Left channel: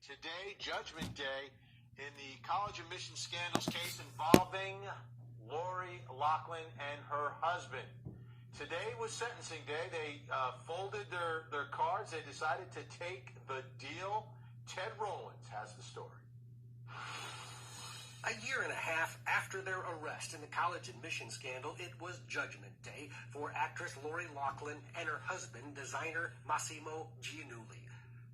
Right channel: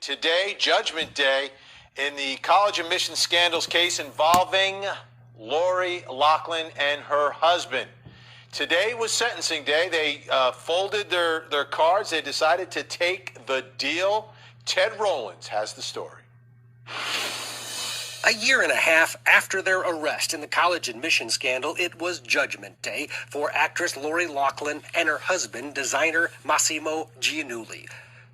Today, Judgment Day, in the college admission scandals case involving Loughlin and her husband. Today was sentencing day. They folded their cards. They decided to take the deal. Ted Rollins has the story. A year and a half after their arrest in the college admission scandal, it was Judgment Day for actress Loughlin and her husband, designer Massimo Giannulli.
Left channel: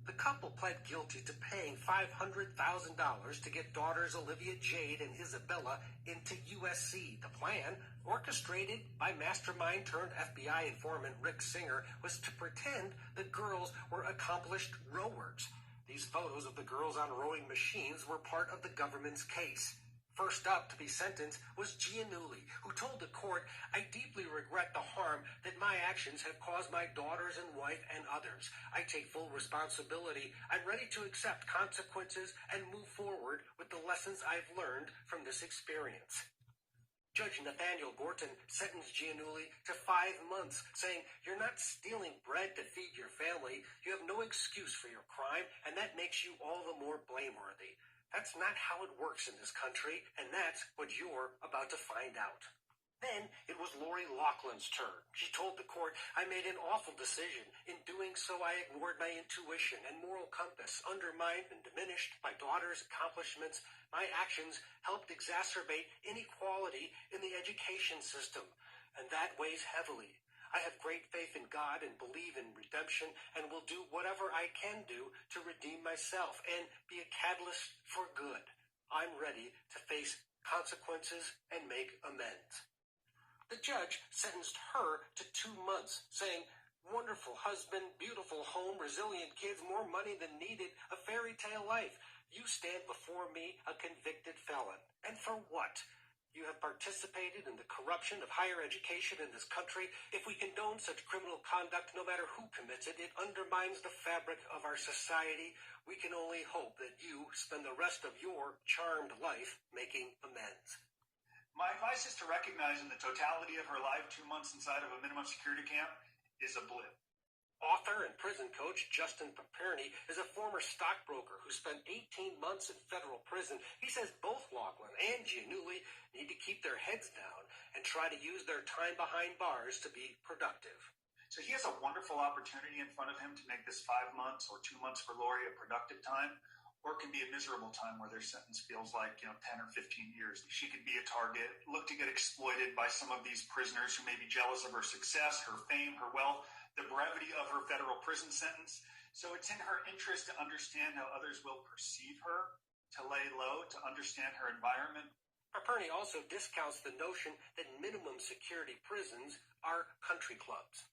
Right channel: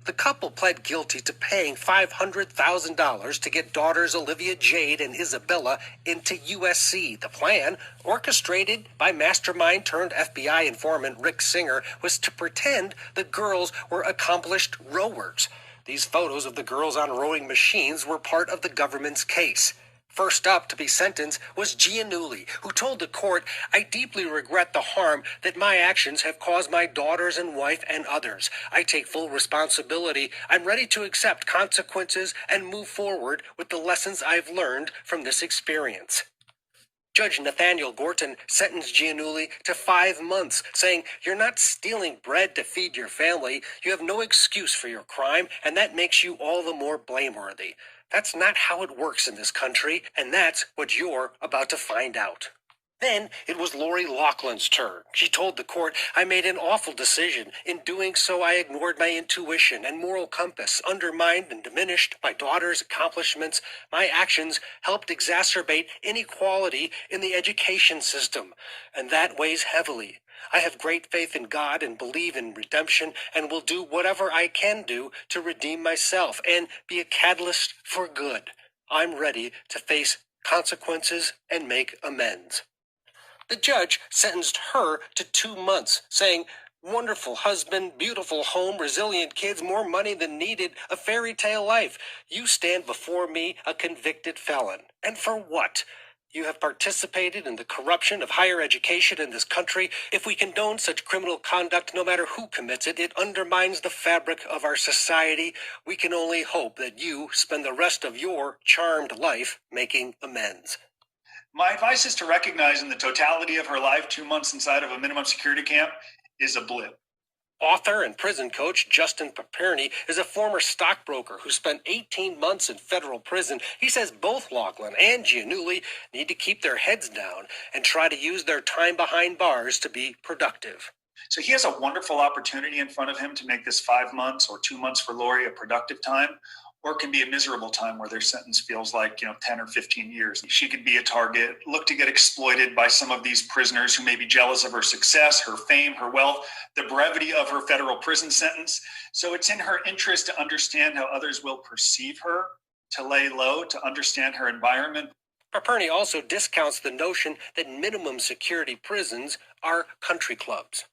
The couple pled guilty to paying $500,000 to get daughters Olivia Jade and Isabella into USC. The plan, orchestrated by mastermind turned FBI informant Rick Singer, was to pretend the girls were accomplished rowers. These photos of the girls on rowing machines were part of the government's case. First up to be sentenced was Giannulli, who told the court, "I deeply regret the harm that my actions have caused my daughters and wife and others. I take full responsibility. I'm ready to accept consequences and move forward with the lessons I've learned from this experience." Judge Nathaniel Gorton sentenced Giannulli to 5 months, saying, "You're not stealing bread to feed your family. You have no excuse for your crime, and that makes you all the more blameworthy. That's not how it works in this country, and that's what you're about to find out." Then it was Loughlin's turn. She told the court, "I made an awful decision. In doing so, I ignored my intuition and moral compass, undermined and diminished my daughter's accomplishments. My actions helped exacerbate inequality in the education system, and that weighs heavily. I have great faith in God and believe in redemption and will do whatever I can do to redeem myself and be a catalyst for good. I'm ready to face consequences and make amends." The judge sentenced her to 2 months, saying, "Wonderful husband, beautiful home, resilient kids, more money than needed, a fairy tale life. You stand before me a convicted felon. And for what? You have participated in the corruption of higher education in this country. If we condone such criminal conduct, no matter who commits it, it undermines the fabric of our society. We can only hope that you spend the rest of your charmed life making amends." My advice is to recognize in the totality of her life, 2 months inside of a minimum security camp is a blip. Author and prison coach Justin Paperny is a former stockbroker who spent 18 months in federal prison. He says both Loughlin and Giannulli need to keep their heads down and try to use their time behind bars to be productive. So he has a wonderful opportunity in front of him to make this 5 months or 2 months for Lori a productive time, or it can be a miserable time where their sentence feels like, 10 or 15 years. She could be a target, look to get exploited by some of these prisoners who may be jealous of her success, her fame, her wealth, the brevity of her federal prison sentence. So it's in her interest to understand how others will perceive her, to lay low, to understand her environment. Paperny also discounts the notion that minimum security prisons are country clubs.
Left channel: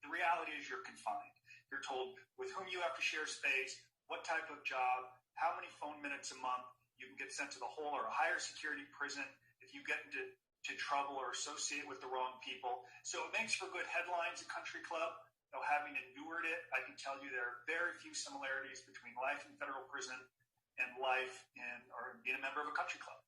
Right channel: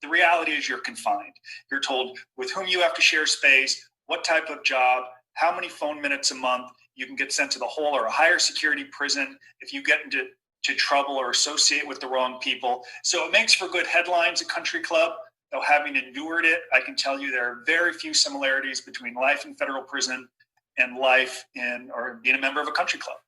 The reality is you're confined. You're told with whom you have to share space, what type of job, how many phone minutes a month. You can get sent to the whole or a higher security prison if you get into trouble or associate with the wrong people. So it makes for good headlines, a country club. Though having endured it, I can tell you there are very few similarities between life in federal prison and life in or being a member of a country club.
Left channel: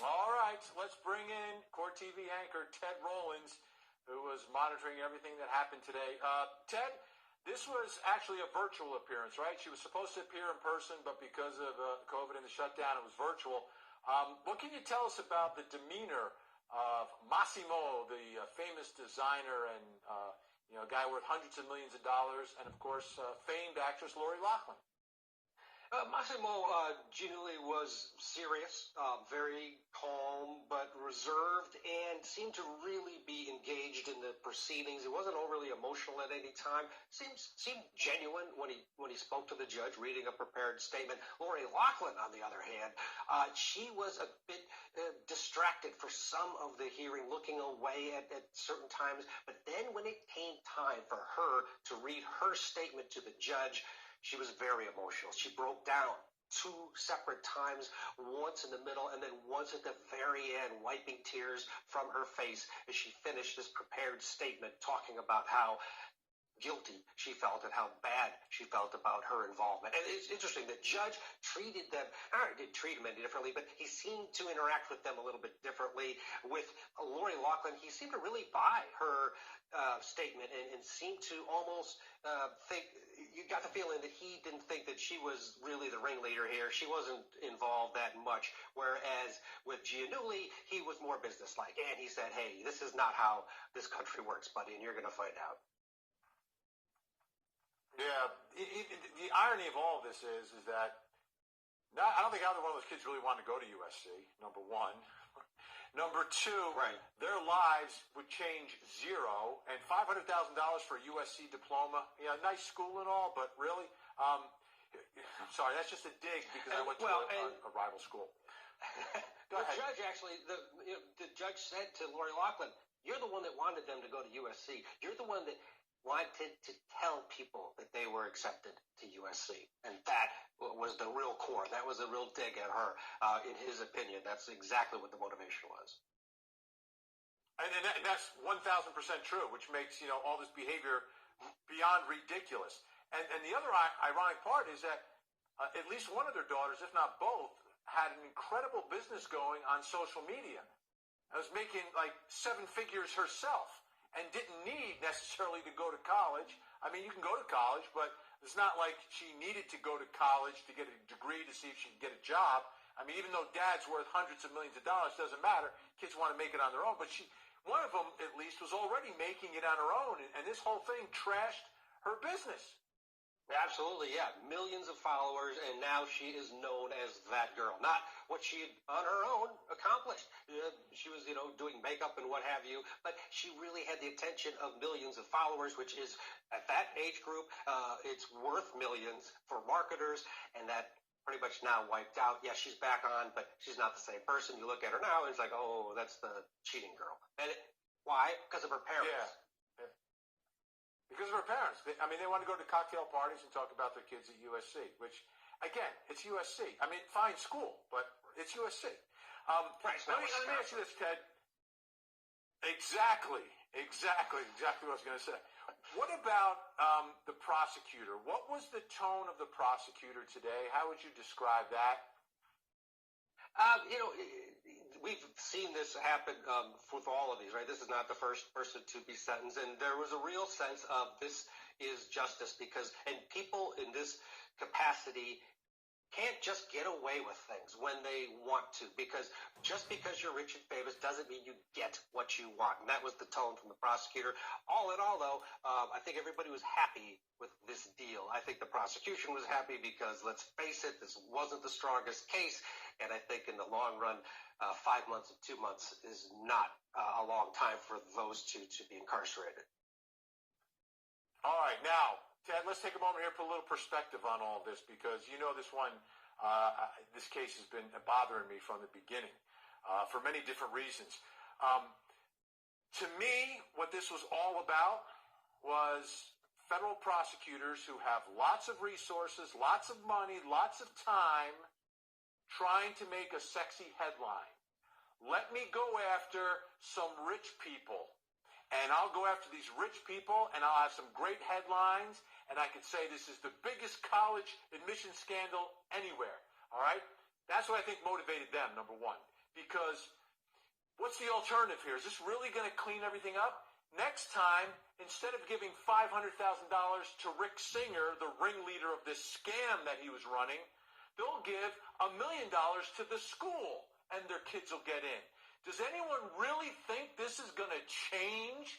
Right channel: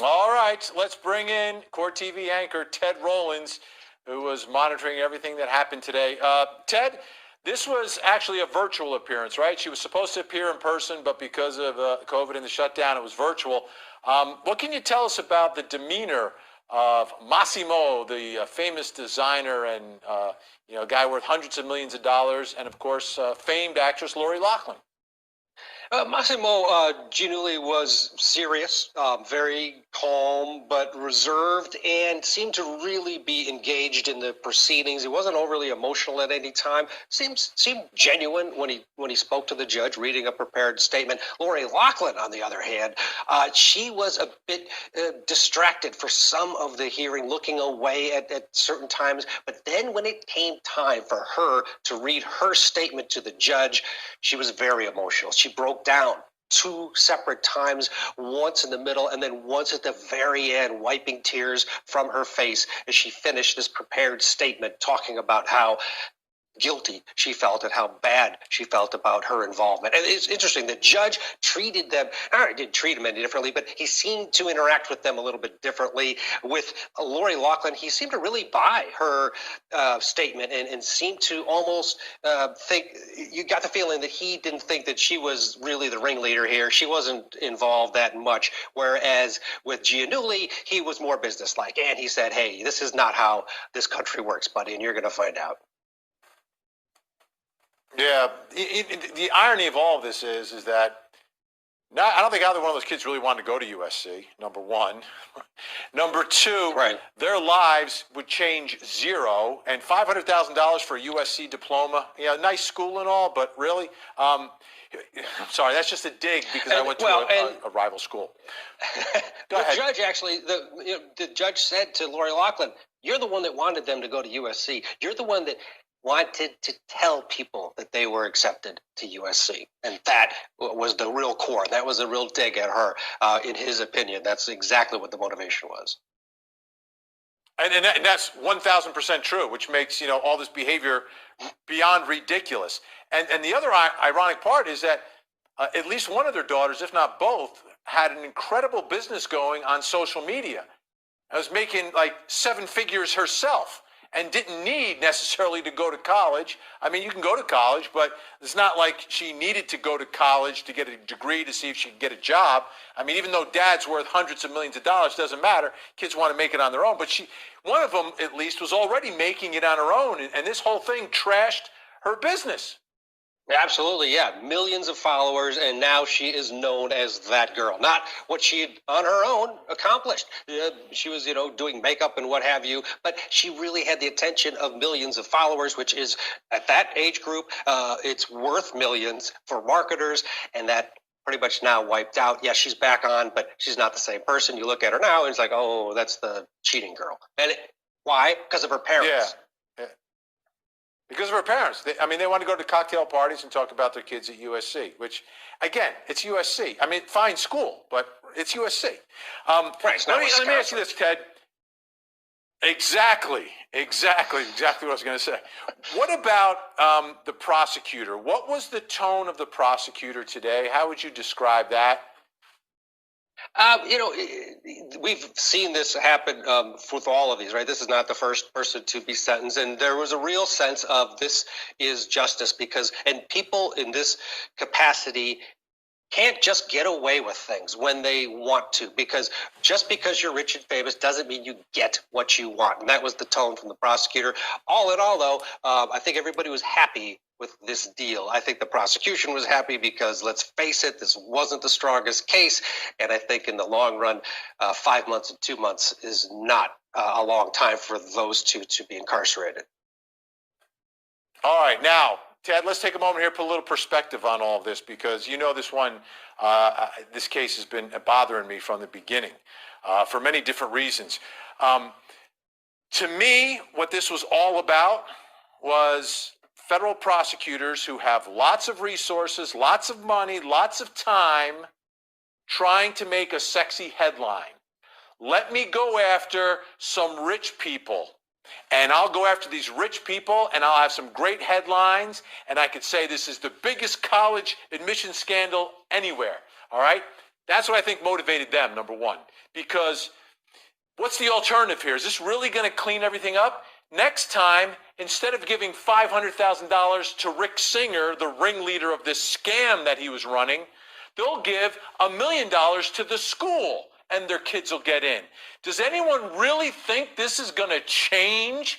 All right, let's bring in Court TV anchor Ted Rollins, who was monitoring everything that happened today. Ted, this was actually a virtual appearance, right? She was supposed to appear in person, but because of COVID and the shutdown, it was virtual. What can you tell us about the demeanor of Massimo, the famous designer and a guy worth hundreds of millions of dollars, and of course, famed actress Loughlin? Massimo Giannulli was serious, very calm, but reserved, and seemed to really be engaged in the proceedings. He wasn't overly emotional at any time. Seemed genuine when he spoke to the judge, reading a prepared statement. Loughlin, on the other hand, she was a bit distracted for some of the hearing, looking away at certain times. But then when it came time for her to read her statement to the judge, she was very emotional. She broke down 2 separate times, once in the middle and then once at the very end, wiping tears from her face as she finished this prepared statement, talking about how guilty she felt and how bad she felt about her involvement. And it's interesting, the judge treated them, I didn't treat them any differently, but he seemed to interact with them a little bit differently. With Lori Loughlin, he seemed to really buy her statement and seemed to almost think, you got the feeling that he didn't think that she was really the ringleader here. She wasn't involved that much. Whereas with Giannulli, he was more businesslike. And he said, hey, this is not how this country works, buddy, and you're going to find out. Yeah, the irony of all of this is that I don't think either one of those kids really wanted to go to USC, number one. Number two, Right. Their lives would change zero, and $500,000 for a USC diploma, yeah, nice school and all, but really, I'm sorry, that's just a dig because I went to a rival school. Go The ahead. judge actually, the judge said to Lori Loughlin, you're the one that wanted them to go to USC. You're the one that wanted to tell people that they were accepted to USC. And that was the real core. That was a real dig at her, in his opinion. That's exactly what the motivation was. And that's 1,000% true, which makes, all this behavior beyond ridiculous. And the other ironic part is that at least one of their daughters, if not both, had an incredible business going on social media. I was making like 7 figures herself and didn't need necessarily to go to college. I mean, you can go to college, but it's not like she needed to go to college to get a degree to see if she could get a job. I mean, even though dad's worth hundreds of millions of dollars, doesn't matter. Kids want to make it on their own. But one of them, at least, was already making it on her own. And this whole thing trashed her business. Absolutely, yeah. Millions of followers, and now she is known as that girl. Not what she had on her own accomplished. She was, doing makeup and what have you, but she really had the attention of millions of followers, which is, at that age group, it's worth millions for marketers, and that pretty much now wiped out. Yeah, she's back on, but she's not the same person. You look at her now, and it's like, oh, that's the cheating girl. And why? Because of her parents. Yeah. Because of her parents. They want to go to cocktail parties and talk about their kids at USC, which, again, it's USC. I mean, fine school, but it's USC. Right, let me ask you this, Ted. Exactly what I was going to say. What about the prosecutor? What was the tone of the prosecutor today? How would you describe that? We've seen this happen with all of these, right? This is not the first person to be sentenced. And there was a real sense of this is justice and people in this capacity can't just get away with things when they want to, because just because you're rich and famous doesn't mean you get what you want. And that was the tone from the prosecutor. All in all, though, I think everybody was happy with this deal. I think the prosecution was happy because, let's face it, this wasn't the strongest case. And I think in the long run, 5 months and 2 months is not a long time for those two to be incarcerated. All right, now, Ted, let's take a moment here, put a little perspective on all of this, because this case has been bothering me from the beginning for many different reasons. To me, what this was all about was federal prosecutors who have lots of resources, lots of money, lots of time, trying to make a sexy headline. Let me go after some rich people. And I'll go after these rich people, and I'll have some great headlines, and I could say this is the biggest college admission scandal anywhere, all right? That's what I think motivated them, number one. Because what's the alternative here? Is this really going to clean everything up? Next time, instead of giving $500,000 to Rick Singer, the ringleader of this scam that he was running, they'll give $1 million to the school, and their kids will get in. Does anyone really think this is going to change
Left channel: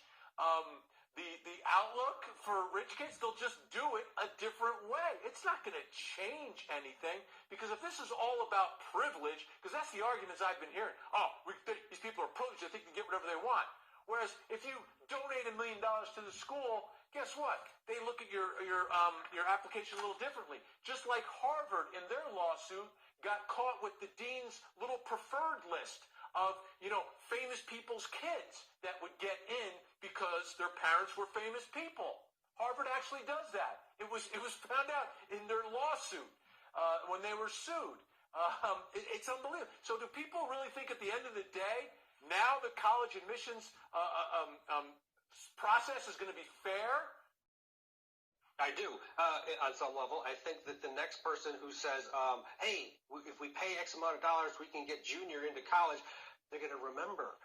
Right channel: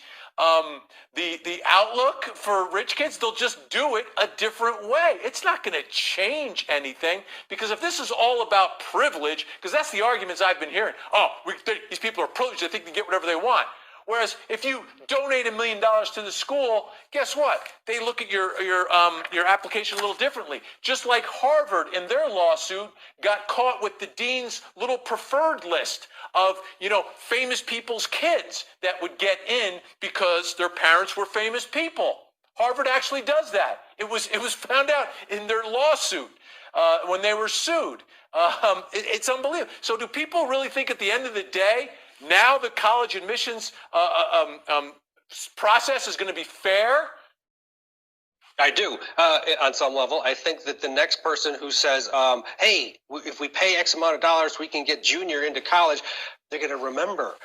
the outlook for rich kids? They'll just do it a different way. It's not going to change anything, because if this is all about privilege, because that's the arguments I've been hearing. These people are privileged. They think they can get whatever they want. Whereas if you donate $1 million to the school, guess what? They look at your application a little differently. Just like Harvard in their lawsuit got caught with the dean's little preferred list of, famous people's kids that would get in because their parents were famous people. Harvard actually does that. It was found out in their lawsuit when they were sued. It's unbelievable. So do people really think at the end of the day, now the college admissions process is going to be fair I do. On some level, I think that the next person who says, hey, if we pay X amount of dollars, we can get Junior into college, they're going to remember,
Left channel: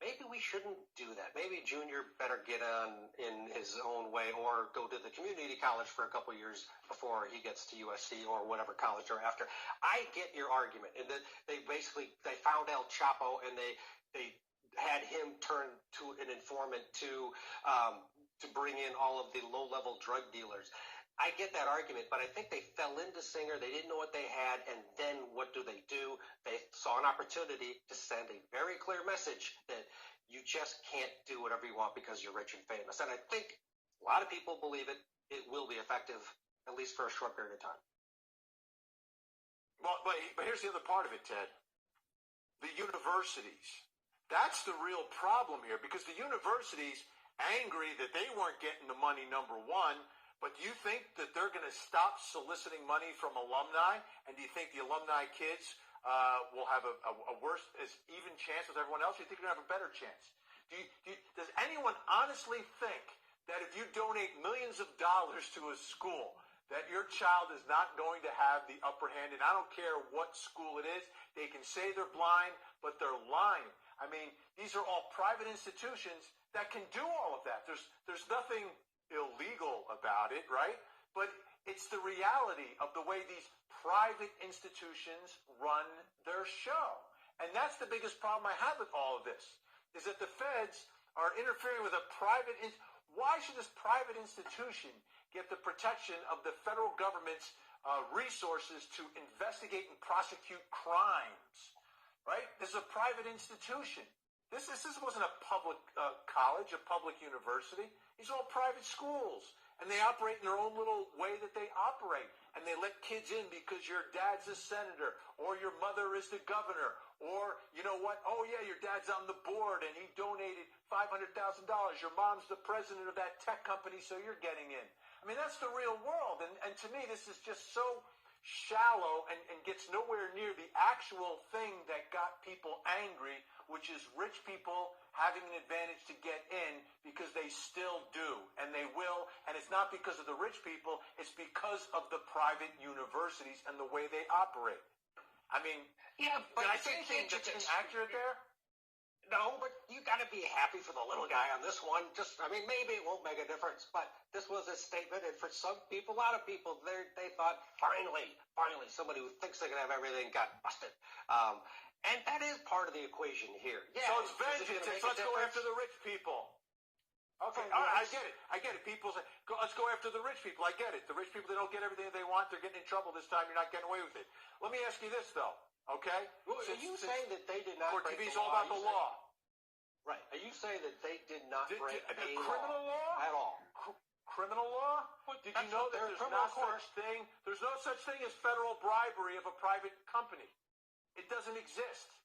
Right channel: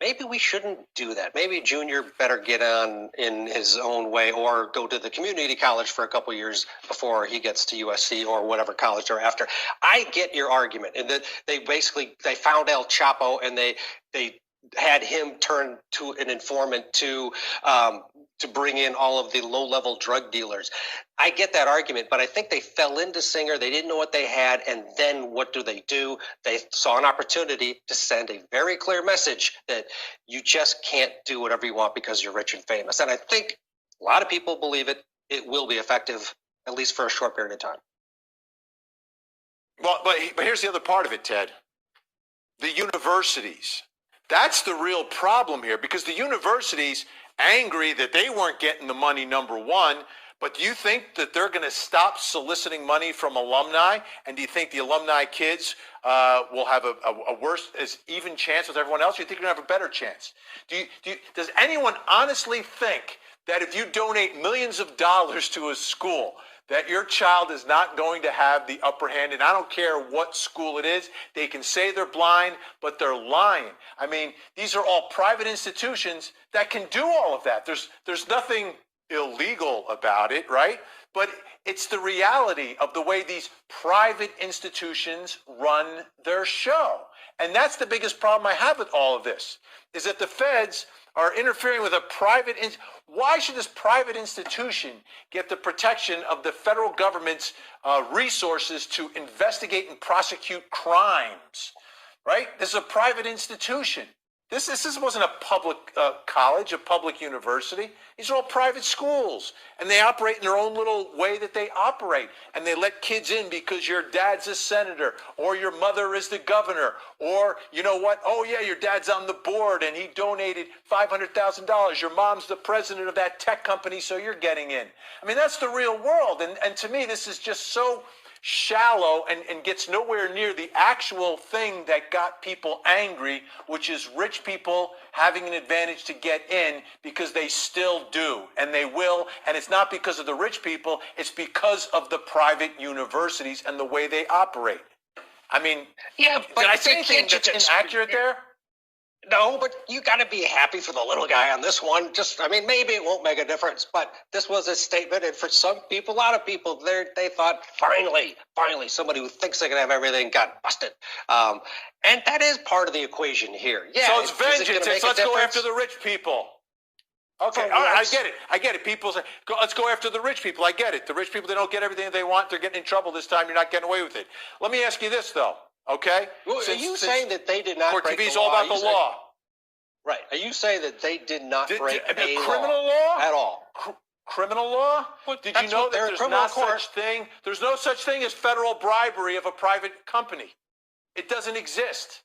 maybe we shouldn't do that. Maybe Junior better get on in his own way or go to the community college for a couple years before he gets to USC or whatever college they're after. I get your argument. And that they found El Chapo and they had him turn to an informant to bring in all of the low-level drug dealers. I get that argument, but I think they fell into Singer. They didn't know what they had, and then what do? They saw an opportunity to send a very clear message that you just can't do whatever you want because you're rich and famous. And I think a lot of people believe it. It will be effective, at least for a short period of time. Well, but here's the other part of it, Ted. The universities. That's the real problem here, because the universities angry that they weren't getting the money, number one, but do you think that they're going to stop soliciting money from alumni? And do you think the alumni kids will have a worse, as even chance with everyone else? Or do you think they're going to have a better chance? Does anyone honestly think that if you donate millions of dollars to a school, that your child is not going to have the upper hand? And I don't care what school it is. They can say they're blind, but they're lying. I mean, these are all private institutions that can do all of that. There's nothing illegal about it, right? But it's the reality of the way these private institutions run their show. And that's the biggest problem I have with all of this, is that the feds are interfering with a private Why should this private institution get the protection of the federal government's resources to investigate and prosecute crimes, right? This is a private institution. This wasn't a public college, a public university. These are all private schools, and they operate in their own little way that they operate. And they let kids in because your dad's a senator, or your mother is the governor, or you know what? Oh yeah, your dad's on the board and he donated $500,000. Your mom's the president of that tech company, so you're getting in. I mean, that's the real world. And to me, this is just so shallow and gets nowhere near the actual thing that got people angry, which is rich people having an advantage to get in, because they still do, and they will. And it's not because of the rich people, it's because of the private universities and the way they operate. I mean, yeah, but did I say anything that's inaccurate there? No, but you got to be happy for the little guy on this one. Maybe it won't make a difference, but this was a statement, and for some people, a lot of people, they thought, finally, somebody who thinks they can have everything got busted. And that is part of the equation here. Yeah. So it's vengeance. Let's go after the rich people. Okay, all right, I get it. People say, let's go after the rich people. I get it. The rich people, they don't get everything they want. They're getting in trouble this time. You're not getting away with it. Let me ask you this, though. Okay. Well, are you saying that they did not break the law? Court TV is all about the law. Right. Are you saying that they did not break a criminal law at all? Criminal law? Did you know that there's no such thing as federal bribery of a private company? It doesn't exist.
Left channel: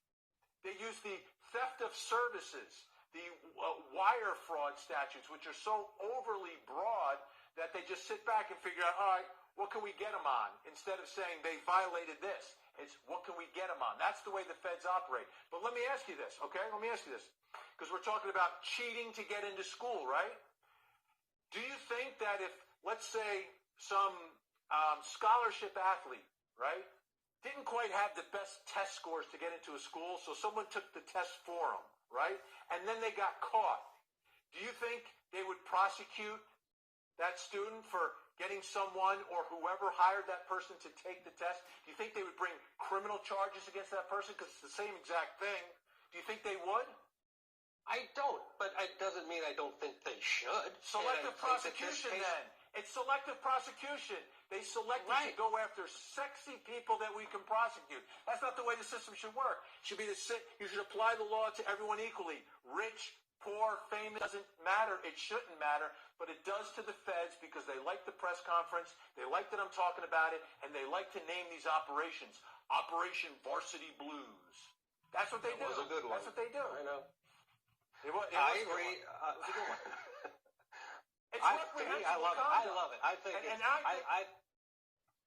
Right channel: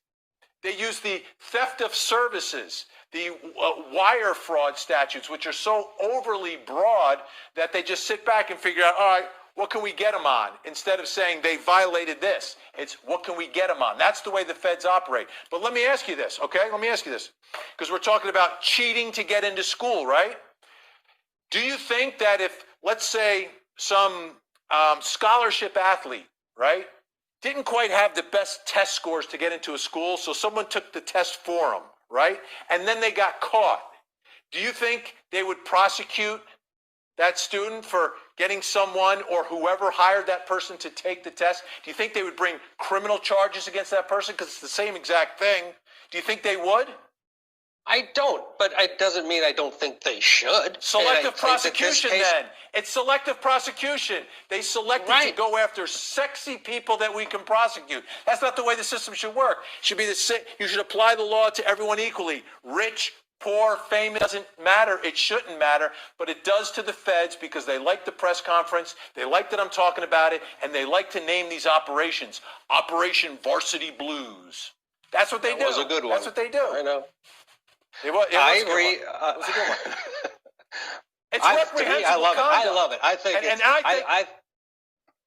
They use the theft of services, the wire fraud statutes, which are so overly broad that they just sit back and figure out, all right, what can we get them on? Instead of saying they violated this, it's what can we get them on? That's the way the feds operate. But let me ask you this, okay? Let me ask you this, because we're talking about cheating to get into school, right? Do you think that if, let's say, some scholarship athlete, right, didn't quite have the best test scores to get into a school, so someone took the test for them, right, and then they got caught, do you think they would prosecute that student for getting someone or whoever hired that person to take the test? Do you think they would bring criminal charges against that person because it's the same exact thing? Do you think they would? I don't, but it doesn't mean I don't think they should. Selective prosecution, then. It's selective prosecution. They selected to go after sexy people that we can prosecute. That's not the way the system should work. It should be you should apply the law to everyone equally. Rich, poor, famous, doesn't matter. It shouldn't matter, but it does to the feds because they like the press conference, they like that I'm talking about it, and they like to name these operations. Operation Varsity Blues. That's what they do. That was a good one. That's what they do. I know. I agree. It was a good one. It's reprehensible conduct. I love it.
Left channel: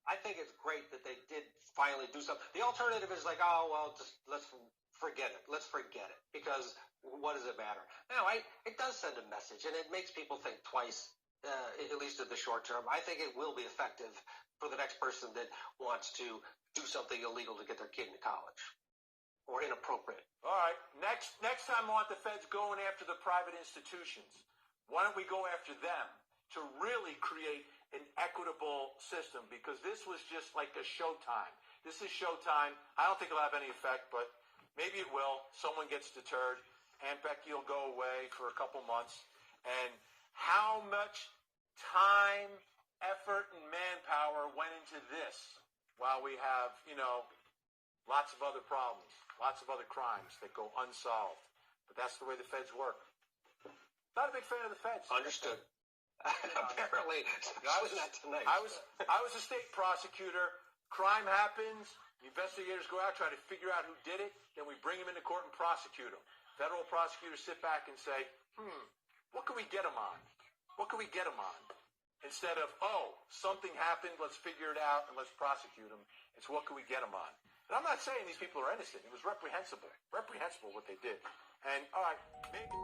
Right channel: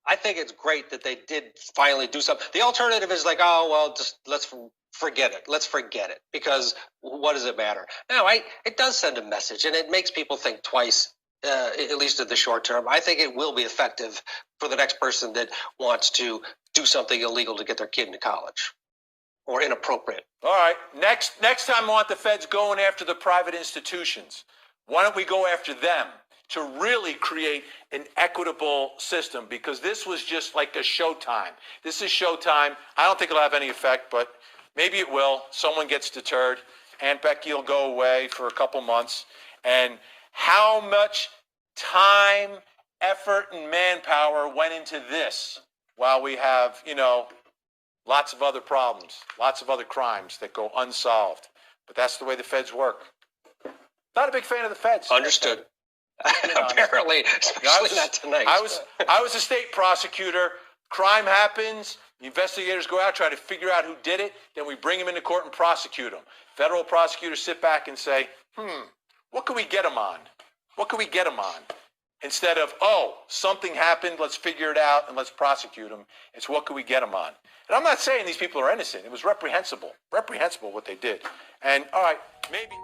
I think it's great that they did finally do something. The alternative is like, oh, well, just let's forget it. Let's forget it, because what does it matter? No, it does send a message, and it makes people think twice at least in the short term. I think it will be effective for the next person that wants to do something illegal to get their kid into college or inappropriate. All right. Next time I want the feds going after the private institutions. Why don't we go after them to really create an equitable system? Because this was just like a showtime. This is showtime. I don't think it'll have any effect, but maybe it will. Someone gets deterred. Aunt Becky will go away for a couple months. And how much time, effort, and manpower went into this while we have, lots of other problems, lots of other crimes that go unsolved. But that's the way the feds work. Not a big fan of the feds. Understood. Apparently, especially not tonight. I was a state prosecutor. Crime happens. The investigators go out, try to figure out who did it. Then we bring them into court and prosecute them. Federal prosecutors sit back and say, what can we get them on? What can we get them on? Instead of, something happened, let's figure it out and let's prosecute them. It's what can we get them on? And I'm not saying these people are innocent. It was reprehensible what they did. And all right, maybe.